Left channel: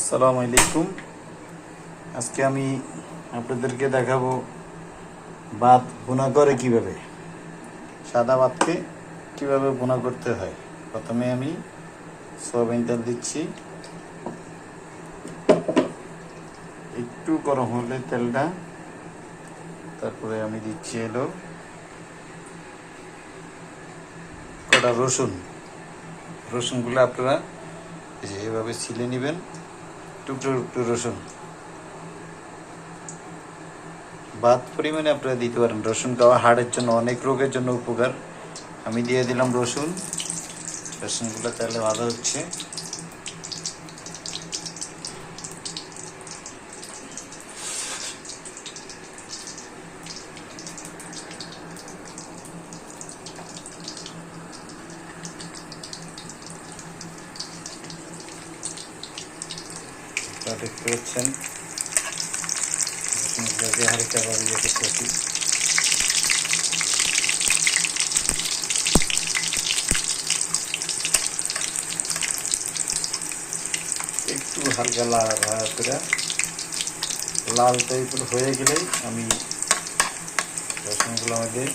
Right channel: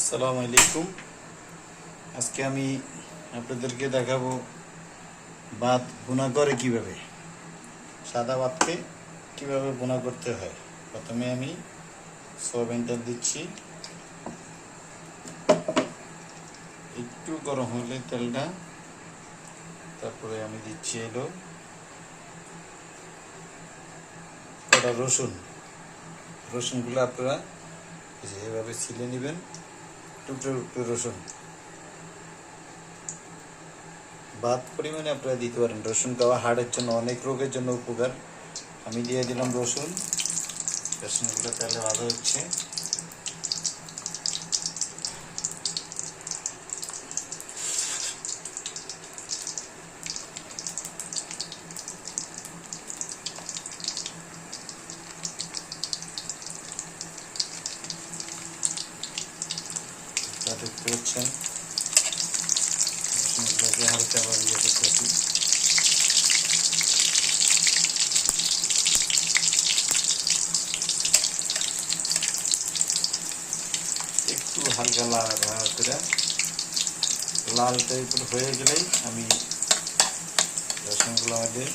আসসালামু আলাইকুম। আজকে আমি আপনাদেরকে দেখাবো ভাত ভুনা করে কিভাবে, সাদা ভাতকে কিভাবে ভুনা করতে হয়। প্রথমে আমি সয়াবিন তেল দিচ্ছি, একটু গরম হলে তেলটা, তারপরে আমি দিচ্ছি এলো কটা রসুনগুলো আপনারা এভাবে ছিলে নেবেন, টুকরো টুকরো রসুন ভাত পরিমাণে আপনারা দিতে পারেন। রসুন খাওয়া হাড়ের জন্য, অনেক রোগের জন্য উপকার। আমি দিয়ে দিলাম রসুনগুলো তেলে ভালো হচ্ছে। দেখতে পাচ্ছেন রসুনগুলোকে হালকা ভাবে ইয়ে করতেছি। একটু হালকা লাল করে লাল টাইপের হয়ে গেলেই আমি রসুনগুলো মধ্যে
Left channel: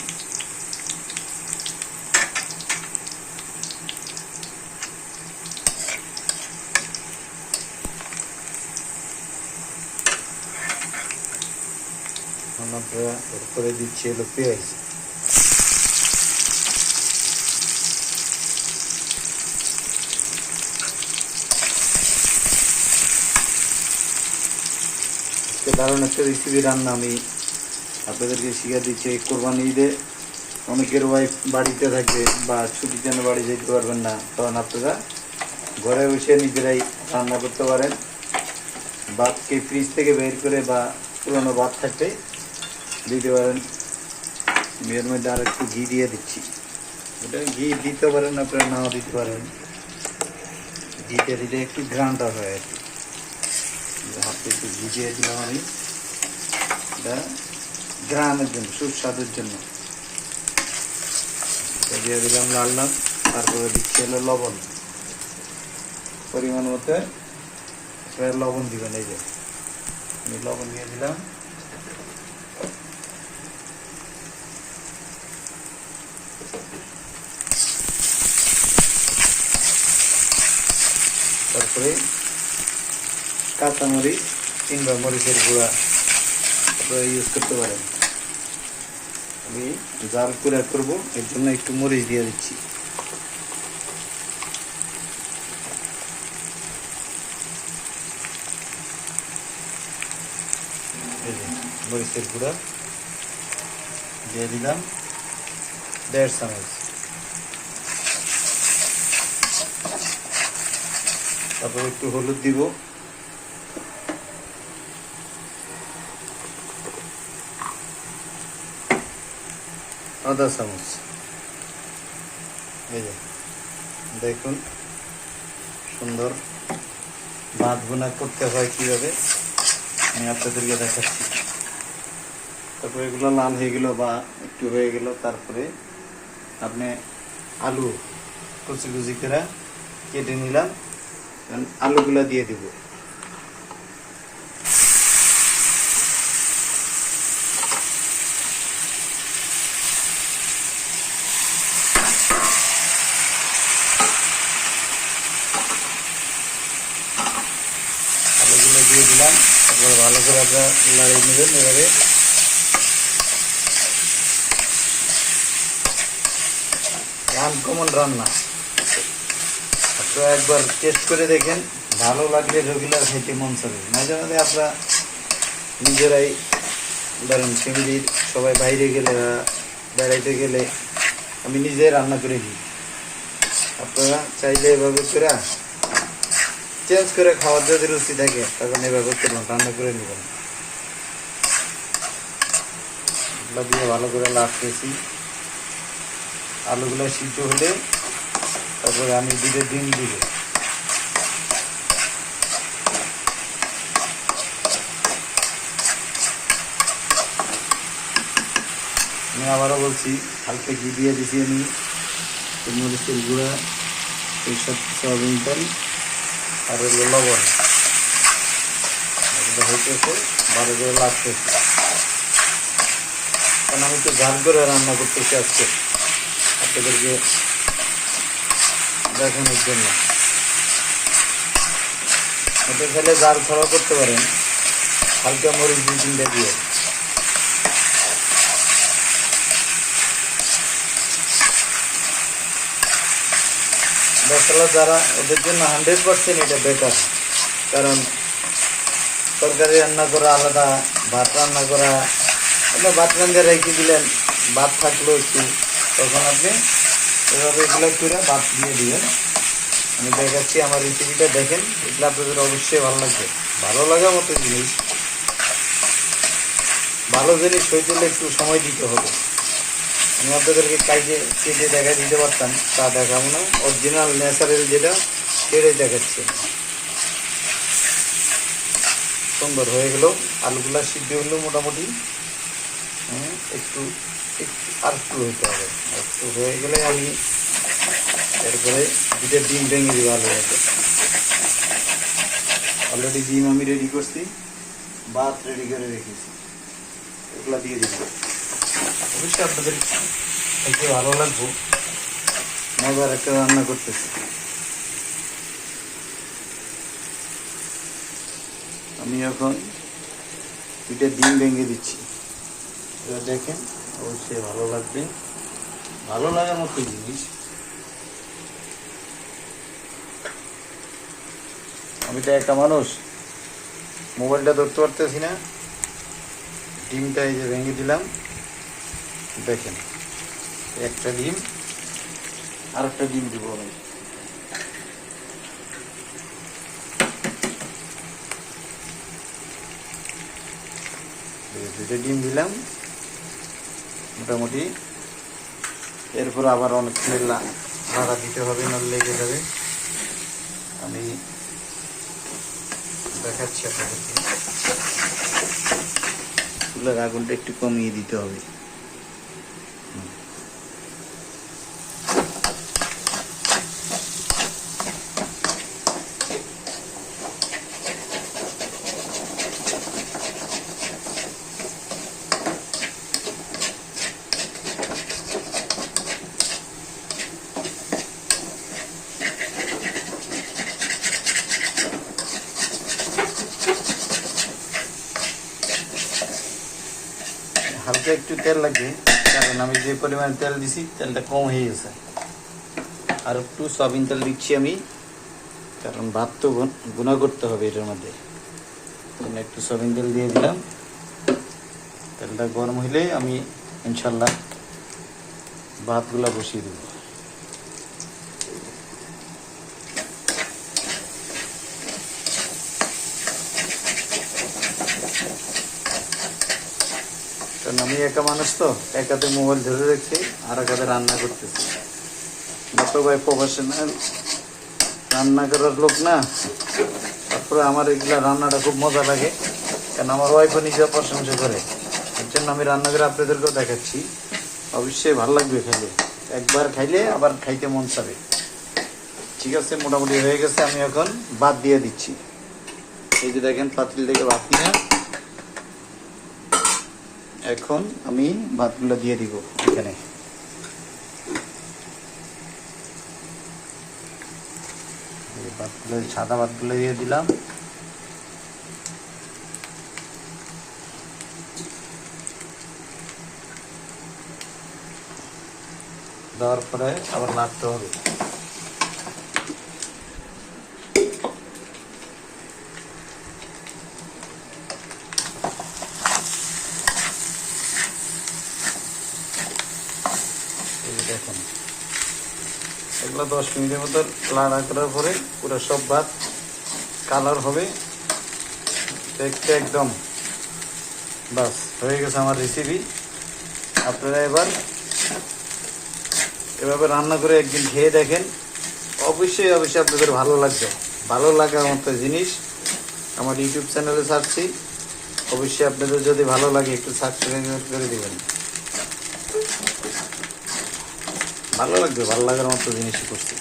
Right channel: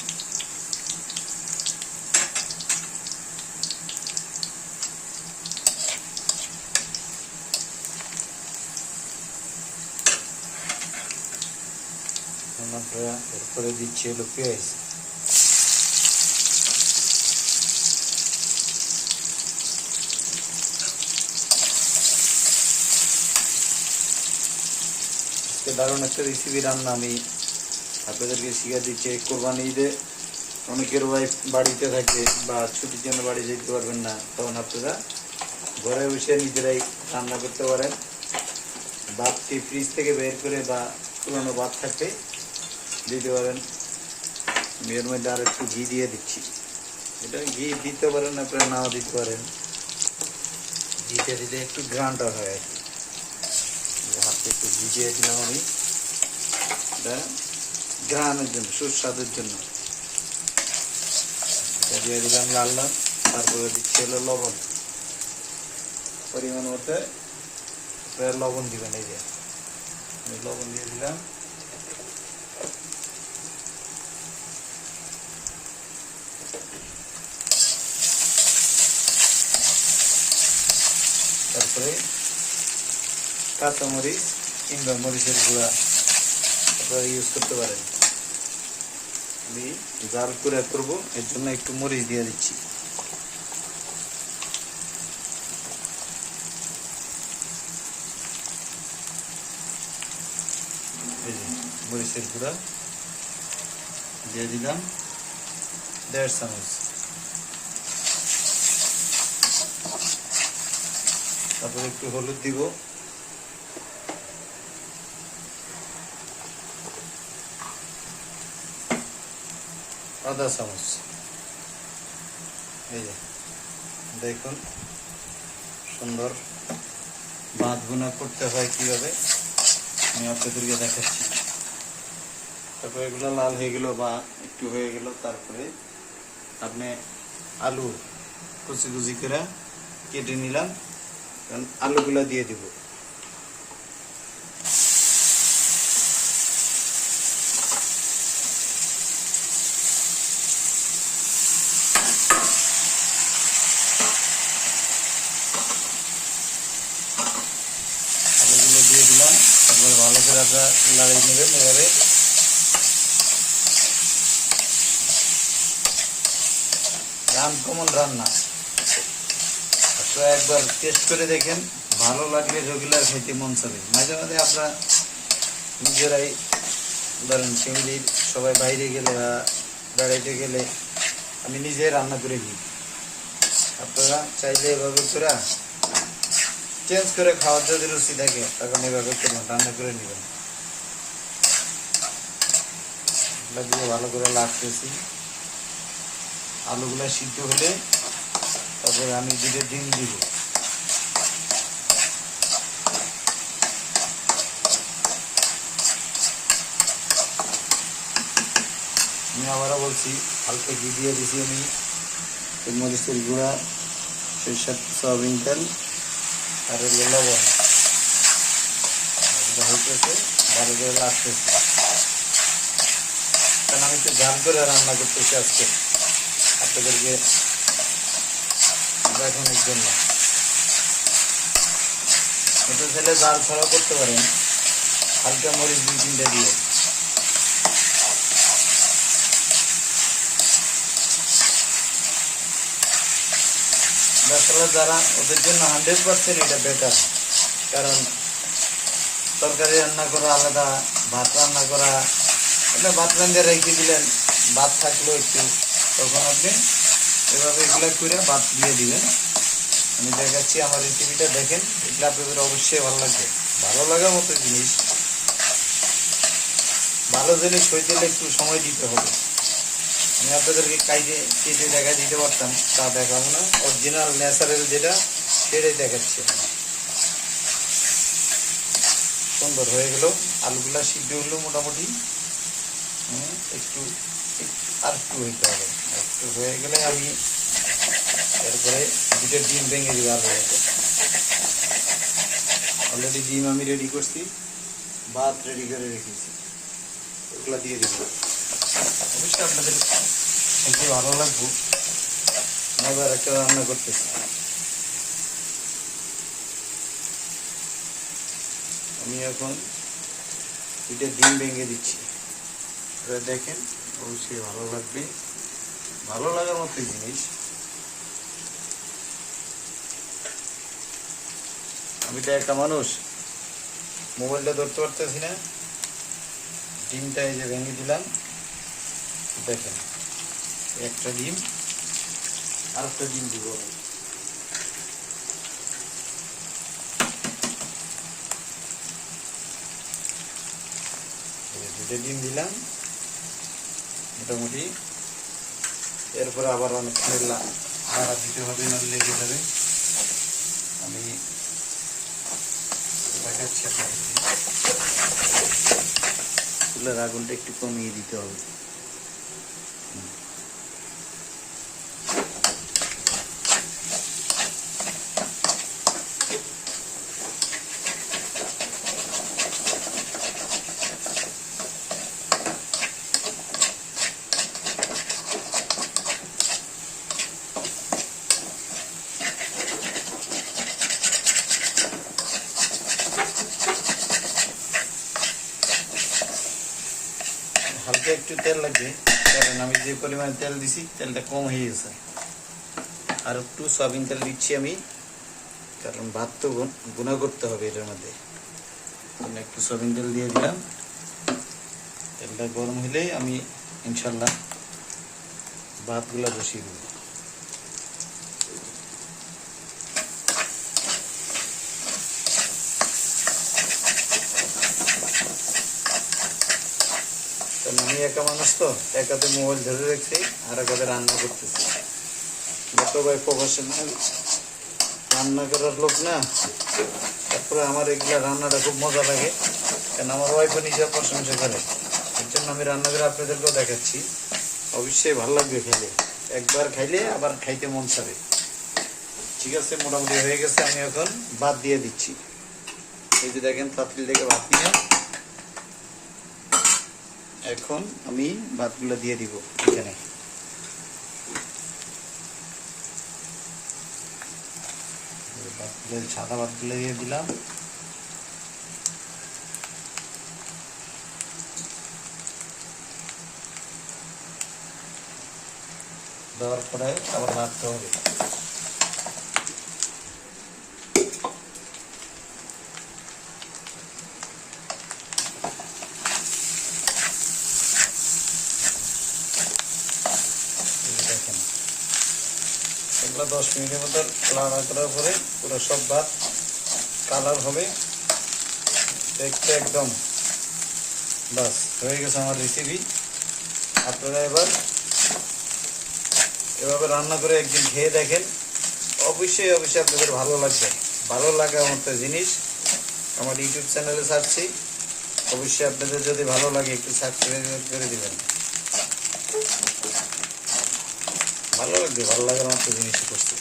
করে দিচ্ছি হলো পেঁয়াজ। দারুণ একটা রেসিপি রান্না আমি আপনাদেরকে শিখে দিচ্ছি। কোরবানি ঈদে অনেকের ওয়াইফ বাড়িতে থাকে বা ছুটির জন্য বাড়ি যেতে পারবেন না, তখন আপনারা ঘরে বসে নিজেরাই রান্না করতে পারেন। ভাতকে ফ্রিজ থেকে বের করে বা পুরোনো ভাত থাকতে দিতে পারেন। এর মধ্যে আর একটু ঘি দিয়ে দিচ্ছি। এটা ঘি দিতে পারেন, আপনারা নাও দিতে পারেন। ঘিতে দিলে একটু গ্রানটা হয় আর কি। হাতে একটু ঘি দিয়ে দিলাম আমি, এটা গ্রানের জন্য, সুস্বাদের জন্য। দিয়ে দিলাম লাল, তারপরে দিচ্ছি হলো লবণ পরিমাণ মতো। লবণ দিবেন, এই যে আমি লবণ দিয়ে দিলাম। তারপরে কাঁচামরিচ কিংবা মরিচের গুঁড়া আপনারা ইউজ করতে পারেন। আমি জাল করে করব, এর জন্য একটু মরিচ দিয়ে দিচ্ছি। এই যে মরিচের গুঁড়া দিয়ে দিলাম 1.5 চামচ। তারপর একটু হলুদ দিব, আধা চামচ। এই যে দেখুন সুন্দর ভাত ভুনা করতে হয় কিভাবে, আমি আপনাদেরকে দেখাচ্ছি। তারপরে এগুলো লাল হয়ে গেল বা একটু হয়ে গেল, তারপরে আপনি আলু কুচি কুচি করে কেটে নিলাম, আলুগুলা দিয়ে দিব। আলুগুলো দিয়ে দিলাম, তারপরে ভালো করে আপনারা লাড়িয়ে নেবেন। এবারে আনকমন রান্না, আপনারা একবার টেস্ট করে দেখেন, ভালো লাগলে রেগুলার খেতে মন চাবে। মাঝে মাঝে আপনারা নিজেরাই, ধরুন ফ্যামিলির সবাই বাইরে গেলে বা বেড়াইতে গেলে আমি নিজে রান্না করে দিই। আপনারা চাইলে এভাবে করে চেঞ্জ করে খাওয়ার যদি রুচি থাকে, তখন এভাবে করবেন, রান্না করে নেবেন। এগুলো দিয়ে ভালো করে লাগতেছি। আলুগুলো সিদ্ধ হলে তারপরে আমি ডিম দিব। আমি আবারও বলছি, হালকা ঘি দিয়ে দিছি আমি, মরিচের গুঁড়া, সরিষার সয়াবিন তেল আর লবণ। এটা হইতেছে, ভালো করে লাগতেছে, কারণ আমি তো ঝাল করে রান্না করতেছি আজকে আপনাদেরকে দেখানোর জন্য। এটা খেলে জাল ছাড়াও করতে পারেন, হালকা মরিচ 2-3টা দিয়ে। ব্যাচেলর যারা, ওদের জন্য 100% এটা বেটার, কারণ তরকারি রান্না করা আলাদা, ভাত রান্না করা, এটা ভাত রান্না রেখে দিলেন, ভাত থাকলো একটু, তখন আপনি এভাবে এগুলো করে ভাত দিয়ে দিবেন। আমি দেখাচ্ছি আমার রেসিপিটা, দেখেন, এগুলো আপনাদের অবশ্যই ভালো লাগবে। ভালো লাগার মতো জিনিস, ভালো জিনিস হইতে হলে একটু সময় দিতে হবে। আমি আপনাদেরকে কেটে দেখা দিতে পারতাম, তা দেখাবো না, অরিজিনাল ন্যাচারাল যেটা সেটাই দেখাচ্ছি। সুন্দর হয়ে গেল, আলুগুলা সিদ্ধ হলো মোটামুটি, একটু আর একটু হইতে হবে, একটু হয়ে গেলে আমি এরপরে 2টা ডিম ভেঙে দিব। অলরেডি ডিম আমি রেডি করছি, ভাত রেডি করে রেখেছি, এগুলা দিয়ে দিব। অবশ্যই আপনাদের খেতে ভালো লাগবে, মজার একটা রান্না করতেছি। আমি এখন 2টা ডিম ভেঙে দিচ্ছি, দেখেন, অবশ্যই ভালো লাগবে, ভালো লাগার মতো জিনিস। আমি তো একটা মানুষ, মোবাইলটা ধরতে পারতেছি না, ডিমটা এই যে ভেঙে দিলাম, দেখেন, একটা ডিম, আর একটা ডিম দিব আমি। দুটো ডিম দিলাম মোটামুটি, এরপর আবার অনেক নাড়া দিতে হবে, নাহলে লেগে যাবে। আমি দেখাচ্ছি আপনাদেরকে, চুলার আগুনটা একটু কমিয়ে দিতে হবে। হালকা একটু তেল লাগবে, কারণ আমি যে পরিমাণ তেল দিছি তেলটা কম হয়ে গেছে। আর একটু সয়াবিন তেল দিচ্ছি আমি, কারণ ভাত তো গুঁড়া করতে হবে এটার মধ্যে, একটু সয়াবিন তেল দিয়ে দিলাম। তেলটা গরম হইলে আমি ইনশাল্লাহ ভাতগুলা বসিয়ে দেব। কারণ আমি একা মানুষ তো, এক হাতে মোবাইল ধরে রেখেছি, আর এক হাতে রান্না করতেছি। তো ভাই প্রফেশনাল রান্না করার লোক না, তারপরে আমার এগুলা রান্নাটা খুব মজা লাগে, কারণ আমার ওয়াইফও নিজে প্রশংসা করে, এর জন্য আমি রান্না করে আপনাদেরকেও দেখাচ্ছি। অবশ্যই ভালো লাগবে খেলে, একবার খাইলে আবার খাইতে মন চাবে। ঠিক আছে, মোটামুটি হয়ে গেছে, আমি এখন ভাত দিয়ে দিচ্ছি। এই যে দেখেন, পাতিল থেকে ভাত নিয়ে এখন আমি ভাতগুলো দিয়ে দিব এখানে। ভাতগুলো, সাদা ভাতগুলো দিয়ে দিলাম। দেওয়ার পরে আবার নাড়তে হবে। দেখুন, এগুলো 10 মিনিটের মতো লাড়া করার পরে পুরো সব ভাত কালার হবে, দেখতে একদম বাস হয়ে গেছে আমার রেসিপি। আপনারা এভাবে রান্না করে একদিন খেয়ে দেখেন, অবশ্যই আপনাদের ভালো লাগবে। ভালো লাগার মতো জিনিস আমার ইউটিউব চ্যানেলে ছাড়ছি, অবশ্যই আপনাদের যদি ভালো লাগে একটু সাবস্ক্রাইব করে দিবেন। ভালো লাগবে, ভালো লাগার মতো জিনিসই করছি।